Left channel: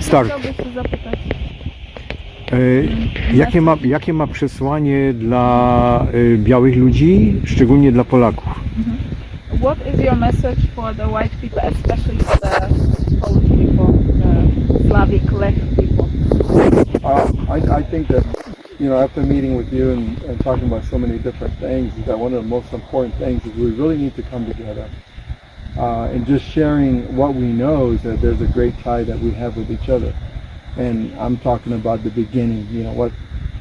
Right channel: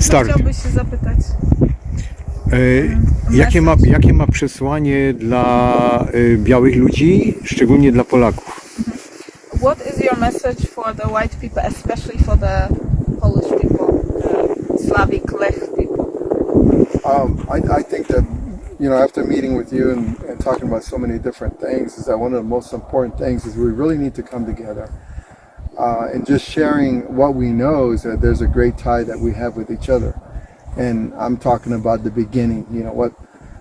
Start. Chciałbyś się zapytać? Jakie ma przesłanie dla białych ludzi, szczególnie dla Polaków? What is your message for the white people, especially for the Polish people, Slavic left people? I think that, after meeting with you and talking about so many different things, is that one of the most important things is we really need to come together. And just sharing what we know is that there's a great tie that we have with each other. And I'm talking about the beginning,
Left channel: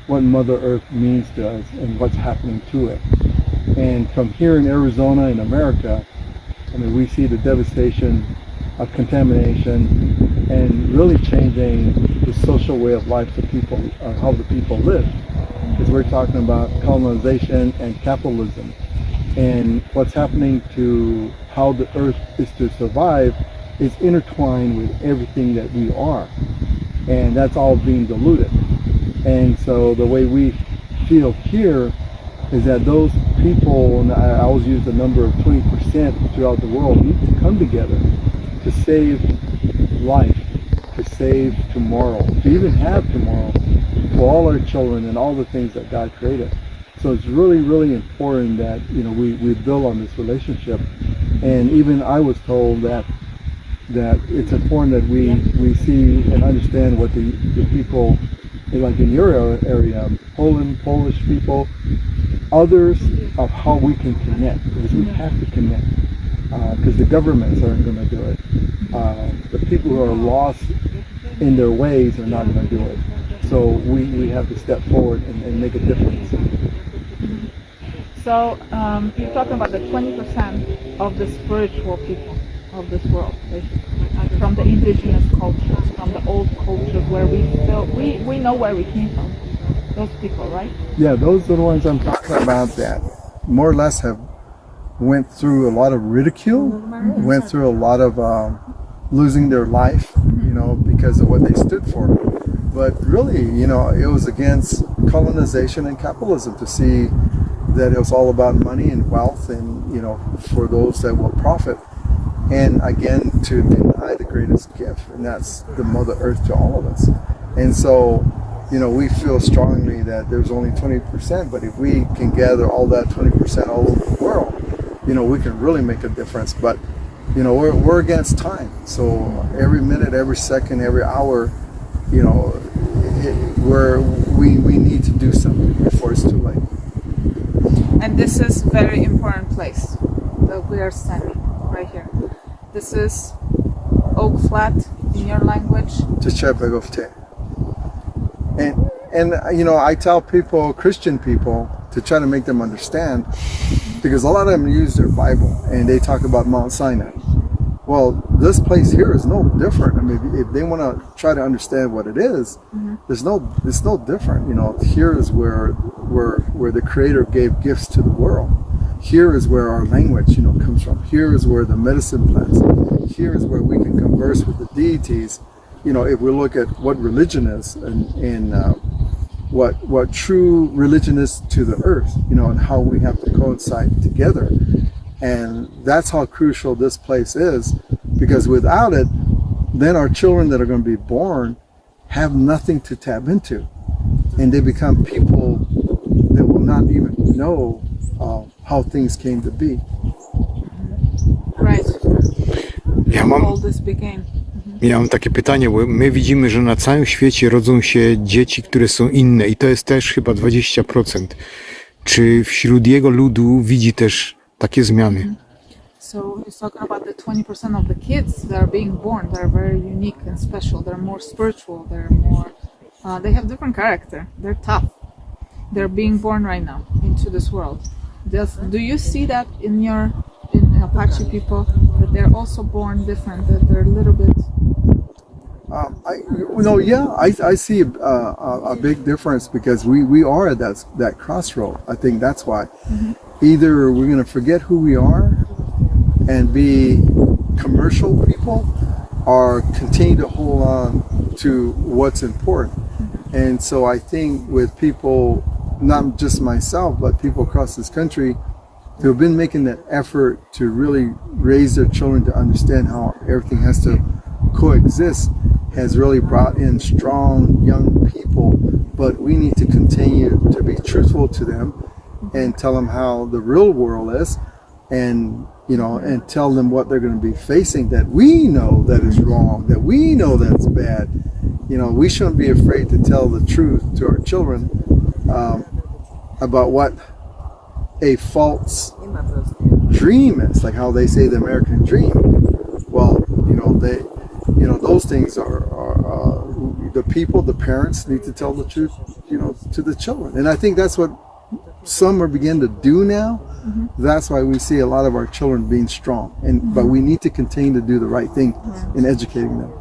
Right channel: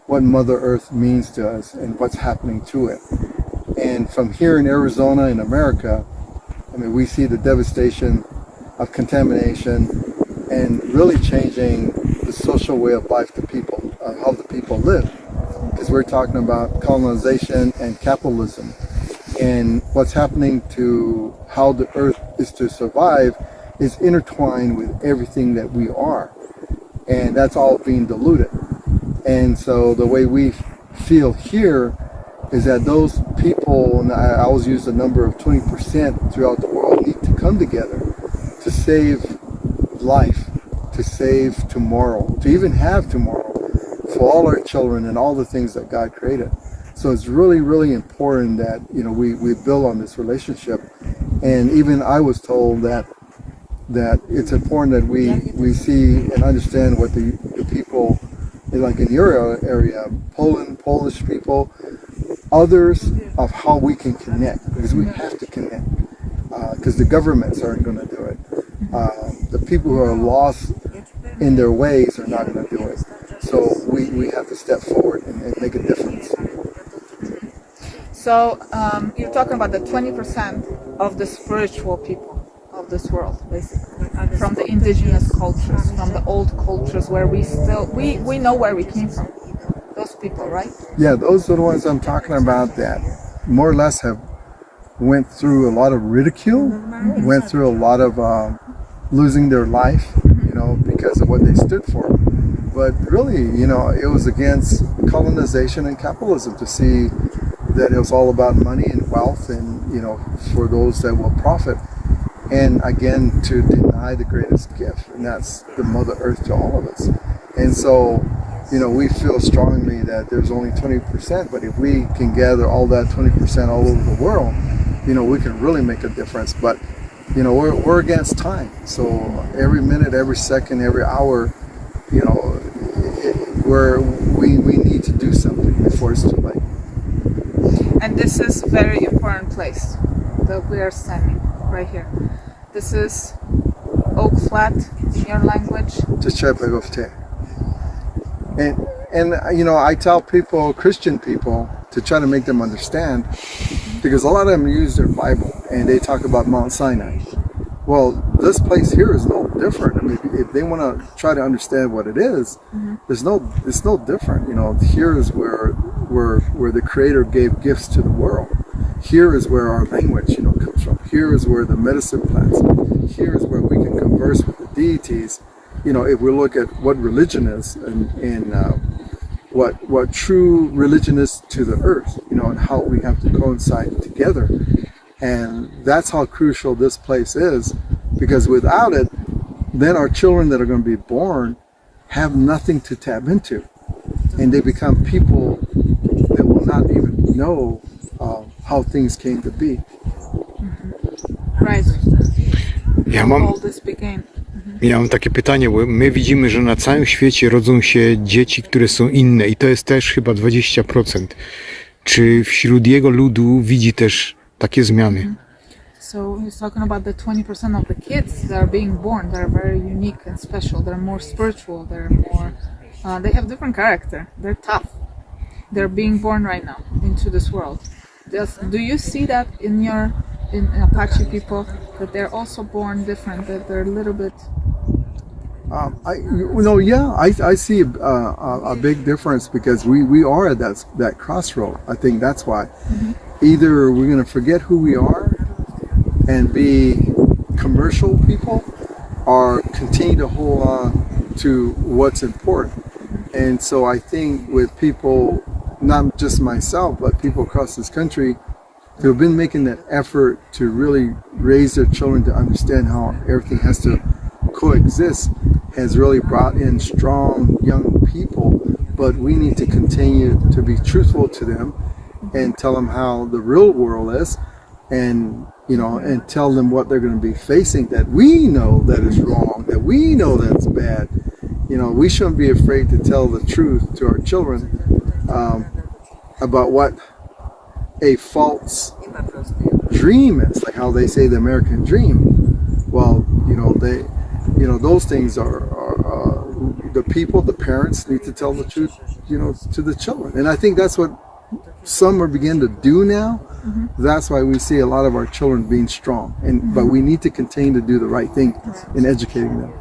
what Mother Earth means to us and what's happening to it. And from here in Arizona in America, we see the devastation of contamination and really changing the social way of life to people, how the people live. Because we're talking about colonization and capitalism. And what's happening to how the earth is to survive is intertwined with everything that we are. And that's all being diluted. And so the way we feel here is that those people, and I always use the number of 20% throughout the world, need to come together to save life, to save tomorrow, to even have tomorrow for all our children and all the things that God created. So it's really, really important that we build on this relationship. And even I was told that it's important that we see and understand what the people, like in your area, Polish people, others, of how we can connect, because we have to connect, because the governments aren't going to do it. The people who are lost in their ways are not going to do it. So we have to step forward and make a difference. So you're talking about the 20% of the spiritual people of this world, basically, from the indigenous cultures, from the old cultures where we know where we came from. Those people, right? Yeah, those are the ones I'm talking about that more or less have went through a lot of ridicule, went through a lot of losing their life, because of what they stood for. But really, it was against colonization and capitalism to see that it was all about money and wealth and, for those that will profit. And again, to deny the greatest gift, and that's the Mother Earth to all of us. And so, we feel strongly that there's only 20%, but if we can gather all that 20% all over the world, we can really make a difference. But, we're against time. So every minute, every second, every hour, we need to do something before it's too late. And this is a very important place that we are standing right here. This is Oak Flat in your language. And I tell people, Christian people, to try to make them understand, because a lot of them use their Bible and they talk about Mount Sinai. Well, this place here is no different. If they want to try to understand what it is, it's no different. Here is where the Creator gave gifts to the world. Here is where our language, comes from. Here is where the medicine plants. Here is where we can converse with the deities. If we look at what religion is and what true religion is to the earth, and how we have to coincide together. And that's how crucial this place is, because without it, then our children that are going to be born have nothing to tap into. And they become people that will not even know how things came to be. Right. How all this began. Ja mam takie pytanie, bo my widzimy, że na całym świecie rodzą się dzieci, które są inne i to jest też chyba 20%. Czy wśród jego ludu widzi też takie zmiany? So he's talking about the 20% of the kids that are being born that are very unique and special. They're more spiritual. They're more. They have different character. They're tough. They're being born right now into this world. Do you see that in Apache people, that they're also born different? That they're a little bit. I see a big difference, because we are at that crossroad. I think that's why. Either we're going to forget who we are and be commercial people, or continue to hold on to what's important. And so I think with people, not just myself, but people across this country who have been making that effort to really raise their children to understand how everything has to coexist, has really brought in strong young people, but we need to continue to be truthful to them and tell them how the real world is, and and tell them what they're going to be facing, that we know that is wrong, that we know that's bad. We shouldn't be afraid to tell the truth to our children about what a false dream is, like how they say the American dream. Well, those things are the people, the parents need to tell the truth, to the children. And I think that's what some are beginning to do now. That's why we see a lot of our children being strong. But we need to continue to do the right thing in educating them.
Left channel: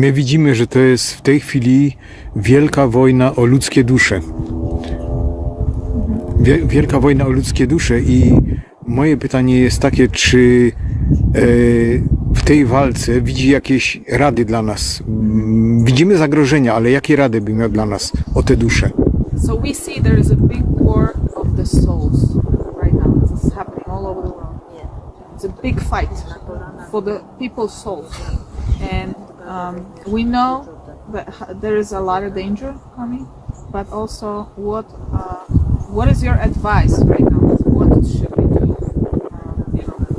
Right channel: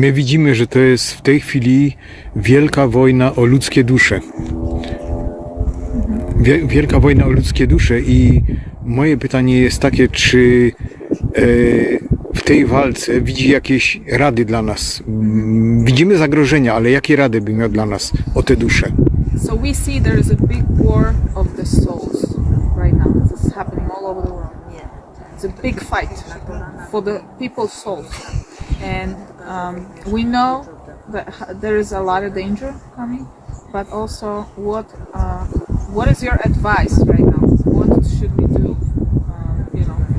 My widzimy, że to jest w tej chwili wielka wojna o ludzkie dusze. Wielka wojna o ludzkie dusze i moje pytanie jest takie, czy w tej walce widzi jakieś rady dla nas? Widzimy zagrożenia, ale jakie rady by miał dla nas o te dusze? So we see there is a big war of the souls right now. It's happening all over the world. It's a big fight for the people's souls. And we know that there is a lot of danger coming, but also what is your advice right now? What should we do,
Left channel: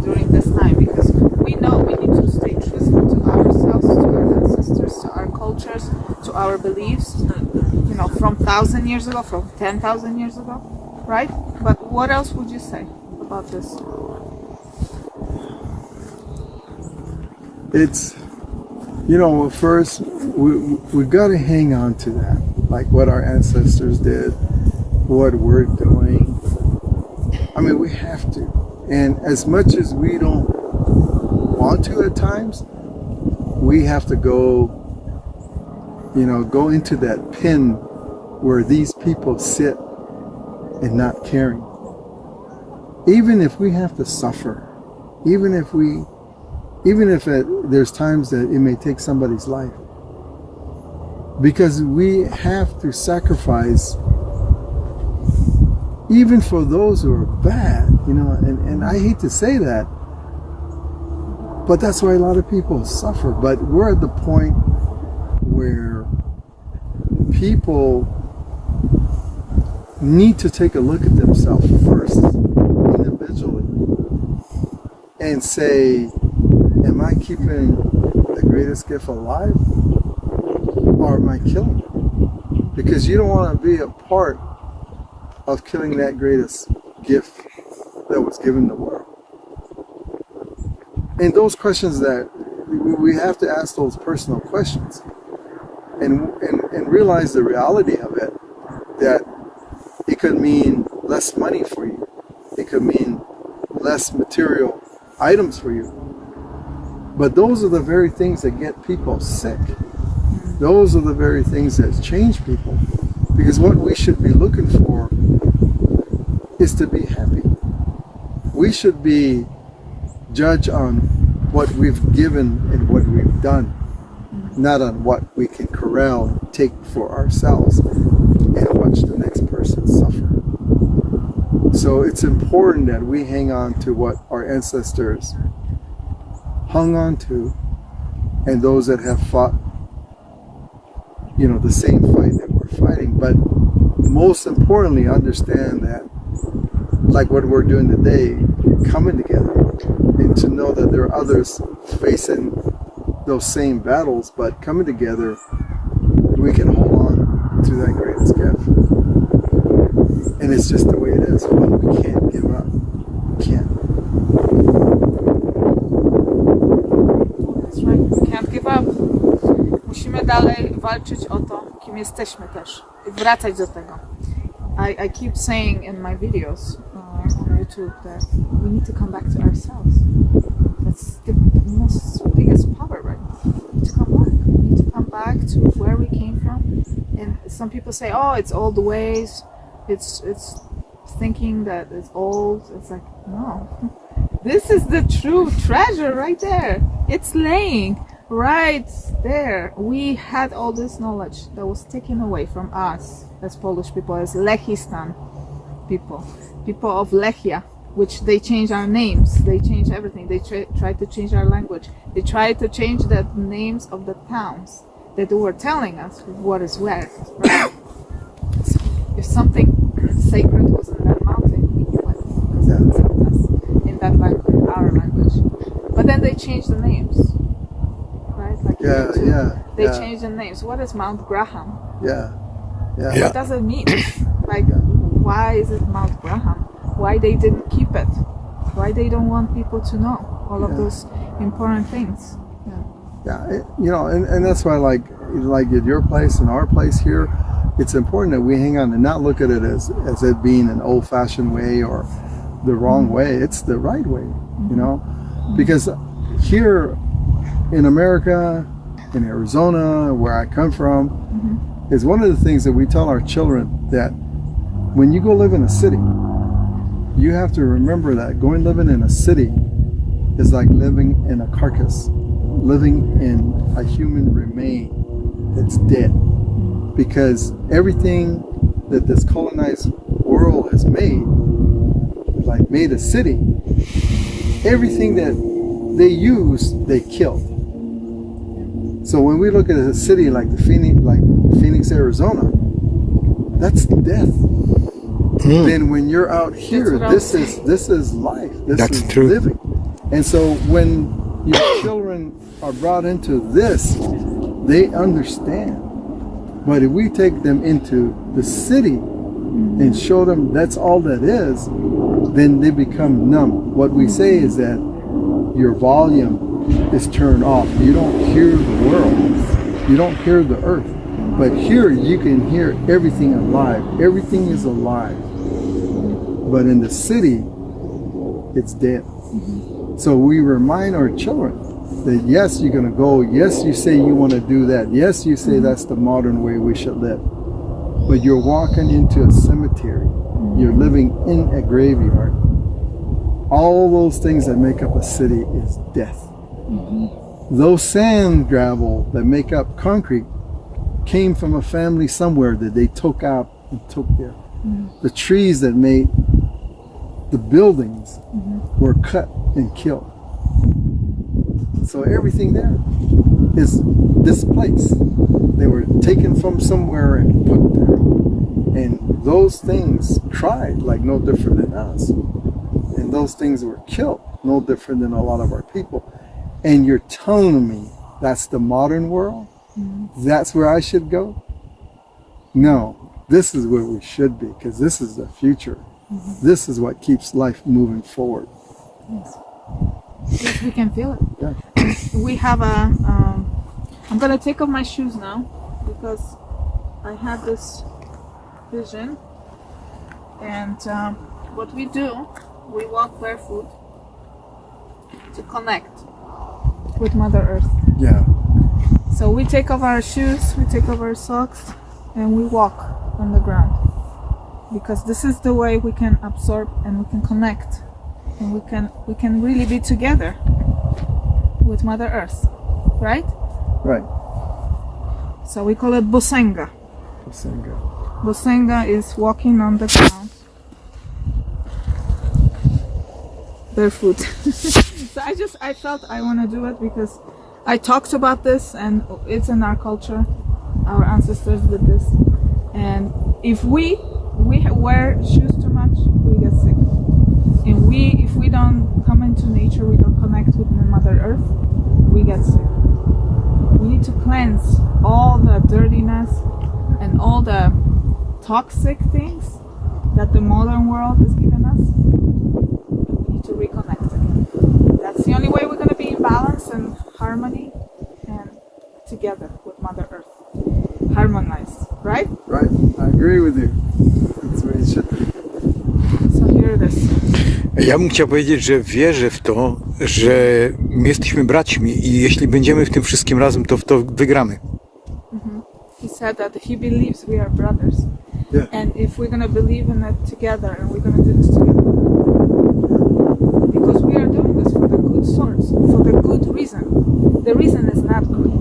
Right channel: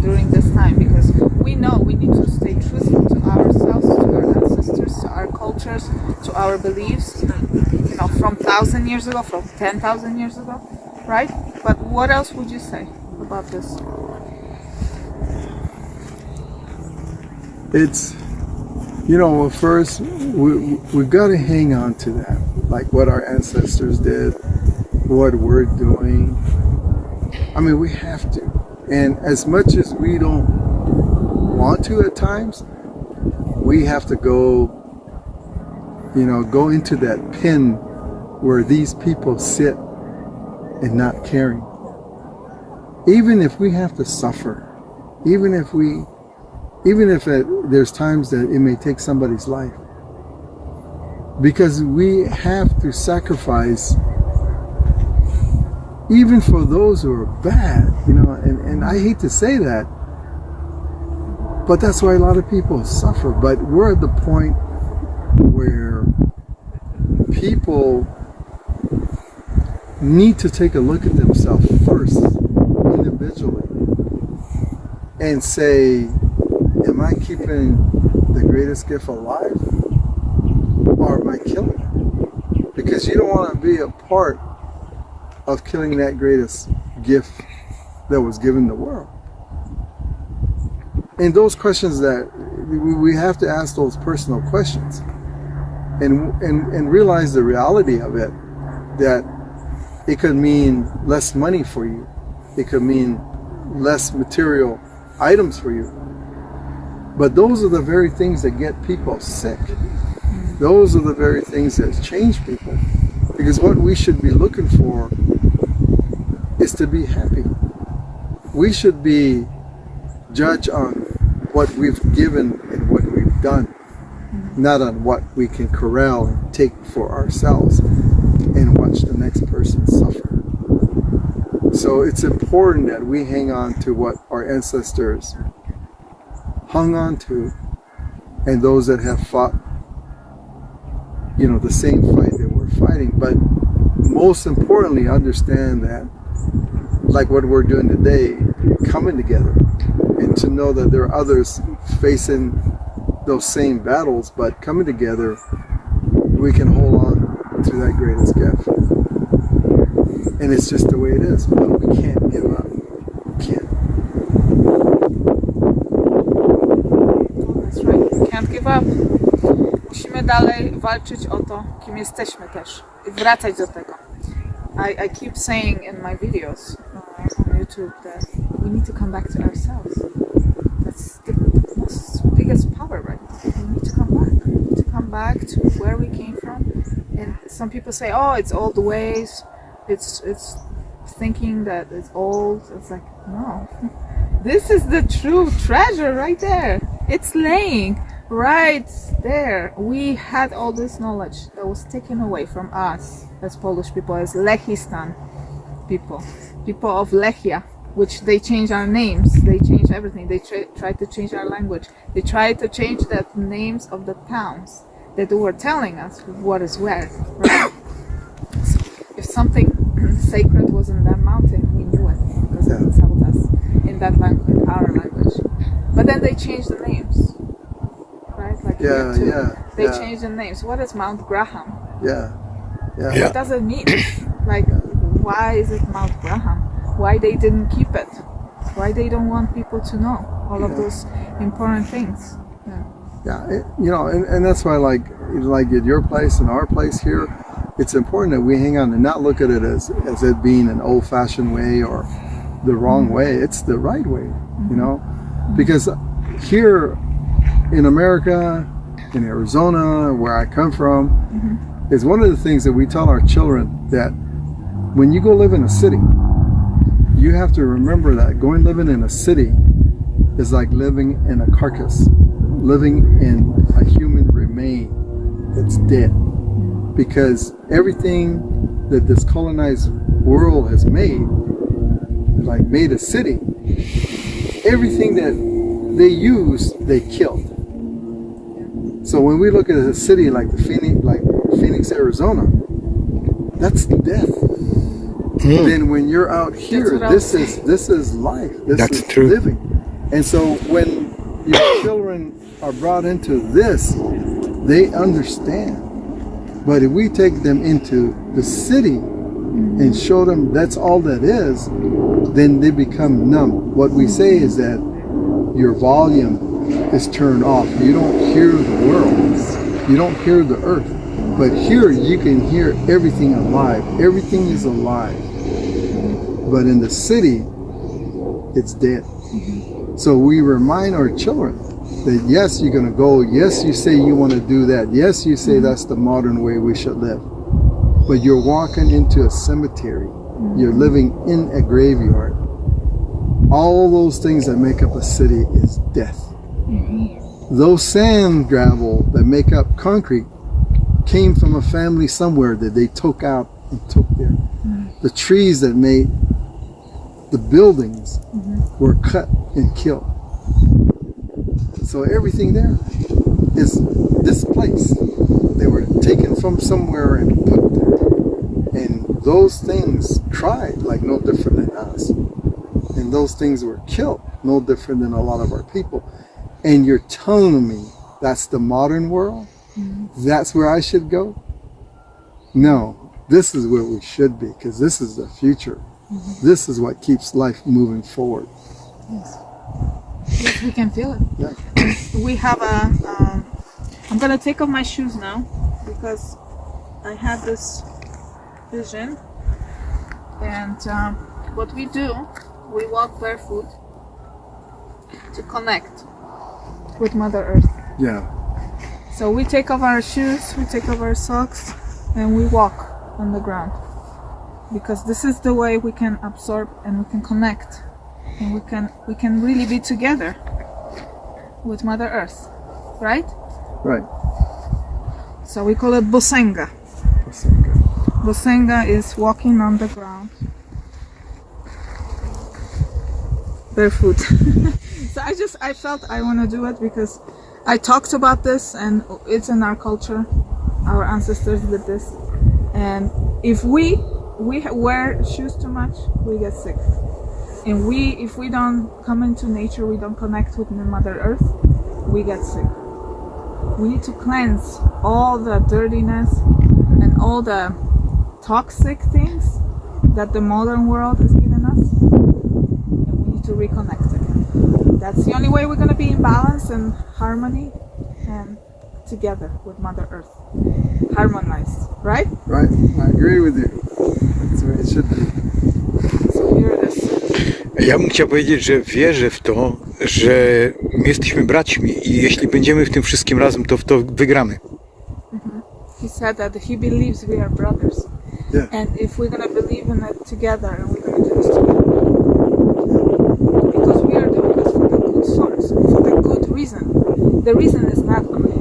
during this time? Because we know we need to stay truthful to ourselves, to our ancestors, to our cultures, to our beliefs, from 1,000 years ago, from 10,000 years ago, right? But what else would you say about this? It's, first, we've got to hang on to that, like what our ancestors did, what we're doing. I mean, we have to. And as much as we don't want to at times, we have to go into that pen where these people sit and not caring. Even if we have to suffer, even if there's times that it may take somebody's life, because we have to sacrifice even for those who are bad, and I hate to say that, but that's why a lot of people suffer. But we're at the point where people need to take a look at themselves first, individually, and say, am I keeping the greatest gift alive, or am I killing it? Because you don't want to be a part of killing that greatest gift that was given the world. And those questions that we have to ask, those personal questions, and realize the reality of it, that it could mean less money for you, it could mean less material items for you, but those are the very things that get people sick. Those are the very things that change people, because what we should be looking for is to be happy. We should be judged on what we've given and what we've done, not on what we can corral and take for ourselves and watch the next person suffer. So it's important that we hang on to what our ancestors hung on to, and those that have fought, the same fight that we're fighting. But most importantly, understand that, like what we're doing today, coming together, and to know that there are others facing those same battles, but coming together, we can hold on to that greatest gift. And it's just the way it is. But we can't give up. We can't. That's right. We can't give up. Musimy dalej walczyć o to, kim jesteśmy też. I wracać do tego. I keep saying in my videos on YouTube that we need to come back to ourselves. That's the biggest power right now. We need to come back. We need to come back to where we came from. And some people say, oh, it's old ways. It's thinking that it's old. It's like, no. This is the true treasure right there. It's laying right there. We had all this knowledge that was taken away from us as Polish people, as Lechistan people of Lechia, which they change our names, they change everything. They try to change our language. They try to change the names of the towns that were telling us what is where, right? So if something sacred was in that mountain, we knew it because it told us in that language, our language. But then they changed the names, right? Like here too. They changed the names. What is Mount Graham? What does it mean? Like, why is it Mount Graham? Why they didn't keep it? Why they don't want people to know all of those important things? And that's why, like at your place and our place here, it's important that we hang on and not look at it as it being an old-fashioned way or the wrong way. It's the right way, you know, because here in America, in Arizona, where I come from, is one of the things that we tell our children, that when you go live in a city, you have to remember that living in a city is like living in a carcass, living in a human remain that's dead. Because everything that this colonized world has made a city, everything that they use, they killed. So when we look at a city like Phoenix, Arizona, that's death. Then when you're out here, this is life. This is true. Living. And so when your children are brought into this, they understand. But if we take them into the city and show them that's all that is, then they become numb. What we say is that your volume is turned off. You don't hear the world. You don't hear the earth. But here you can hear everything alive. Everything is alive. But in the city, it's dead. So we remind our children that yes, you're going to go. Yes, you say you want to do that. Yes, you say that's the modern way we should live. But you're walking into a cemetery. You're living in a graveyard. All those things that make up a city is death. Those sand gravel that make up concrete came from a family somewhere that they took out and took there. The trees that made the buildings were cut and killed. So everything there is displaced. They were taken from somewhere and put there. And those things tried like no different than us. And those things were killed no different than a lot of our people. And you're telling me that's the modern world? That's where I should go? No, this is where we should be, because this is the future. This is what keeps life moving forward. Yes, we can feel it. Yeah. We have I'm gonna take off my shoes now because I have this vision. And what we do, we walk barefoot to connect with Mother Earth. Yeah. So we take off our shoes, we take off our socks, and we walk on the ground. Because this is the way we can absorb and we can connect. And we can really be together with Mother Earth. Right? Right. So we call it Bosenga. Bosenga is walking on the ground barefoot. So I felt I want to do it because I talked about this and it's in our culture. Our ancestors did this. And if we wear shoes too much, we get sick. And if we don't come into nature, we don't connect with Mother Earth, we get sick. We need to cleanse all the dirtiness and all the toxic things that the modern world is giving us. And we need to reconnect again. That's the only way we're going to be in balance and harmony and together with Mother Earth. Harmonized, right? Right. I agree with you. That's the way it should be. So here it is. Ja bym chciał powiedzieć, że wierzę w to, że my jesteśmy braćmi i jeśli będziemy w tym wszystkim razem, to w to wygramy. He said that he believes we are brothers. Yeah. And if we're going to believe in it together and we're going to do this together, because we are doing this for the good source, for the good reason. The reason is not good.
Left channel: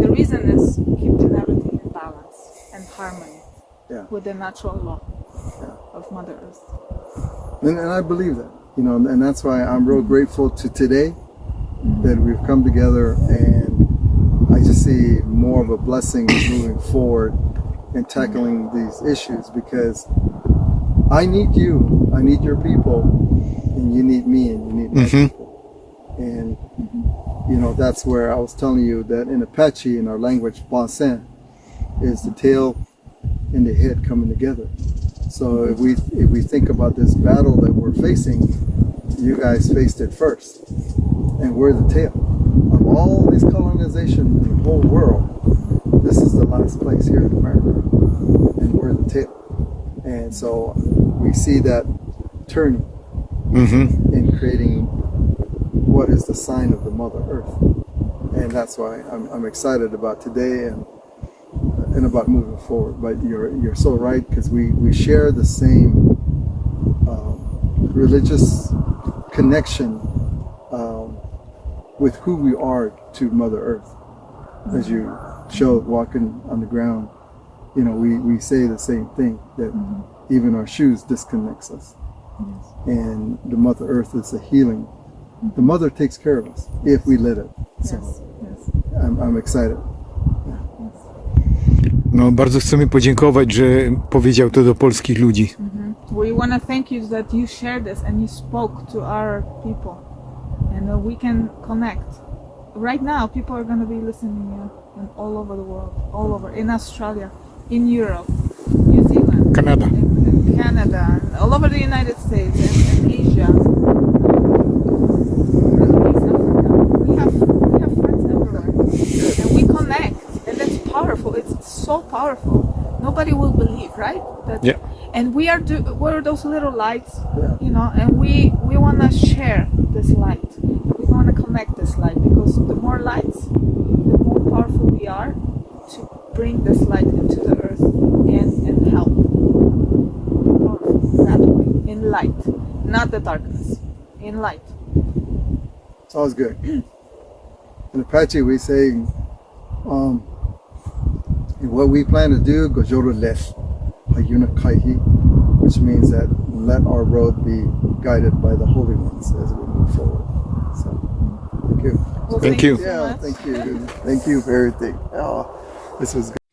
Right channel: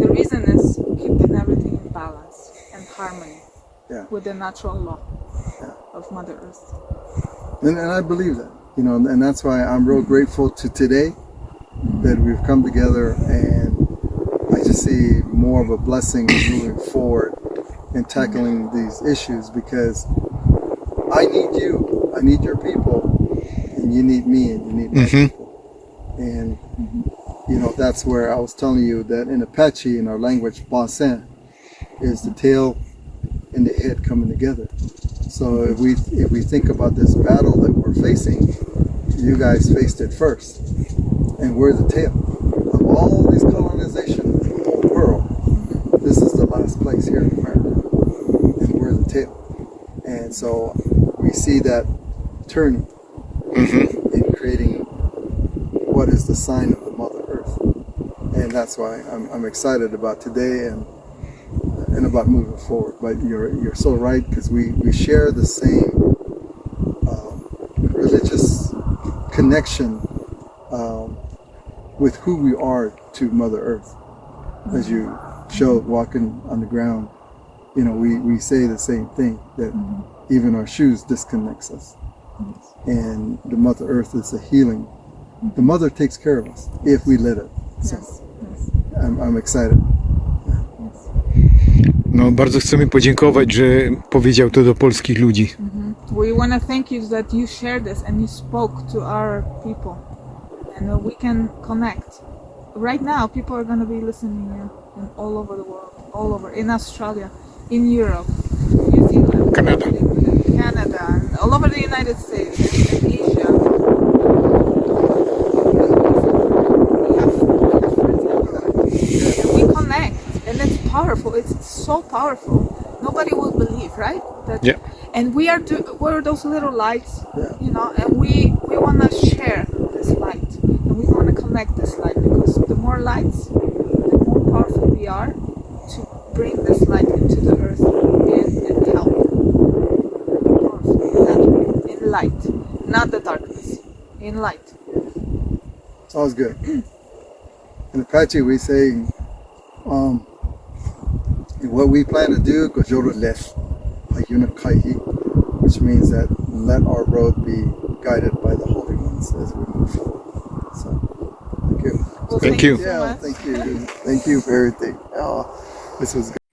The reason is keeping everything in balance and harmony with the natural law of Mother Earth. And I believe that. You know, and that's why I'm real grateful to today that we've come together, and I just see more of a blessing moving forward in tackling these issues, because I need you, I need your people, and you need me, and you need my people. And you know, that's where I was telling you that in Apache, in our language, Bonsen is the tail and the head coming together. So if we think about this battle that we're facing, you guys faced it first, and we're the tail of all these colonizations in the whole world. This is the last place here in America, and we're the tail. And so we see that turning and creating what is the sign of the Mother Earth. And that's why I'm excited about today and about moving forward. But you're so right, because we share the same religious connection with who we are to Mother Earth. As you showed walking on the ground, you know, we say the same thing, that even our shoes disconnects us. And the Mother Earth is a healing. The Mother takes care of us if we let it. So I'm excited. No, bardzo chcemy podziękować, że powiedział to do polskich ludzi. We want to thank you that you shared this and you spoke to our people, and we can connect. Right now, people are going to be listening in all over the world, all over, in Australia, in Europe, New Zealand, Canada, all over the United States, and Asia. We have friends everywhere, and we connect, and it's powerful. It's so powerful. Nobody will believe, right? That, and we're those little lights, you know, and we want to share this light, and we want to connect this light, because the more lights, the more powerful we are to bring this light into the earth and help. Powerful, in light, not the darkness, in light. Sounds good. In Apache, we say, what we plan to do, which means that let our road be guided by the holy ones as we move forward. So, thank you. Well, Thank you. So Yeah, much. thank you. Thank you for everything. Oh, this was good.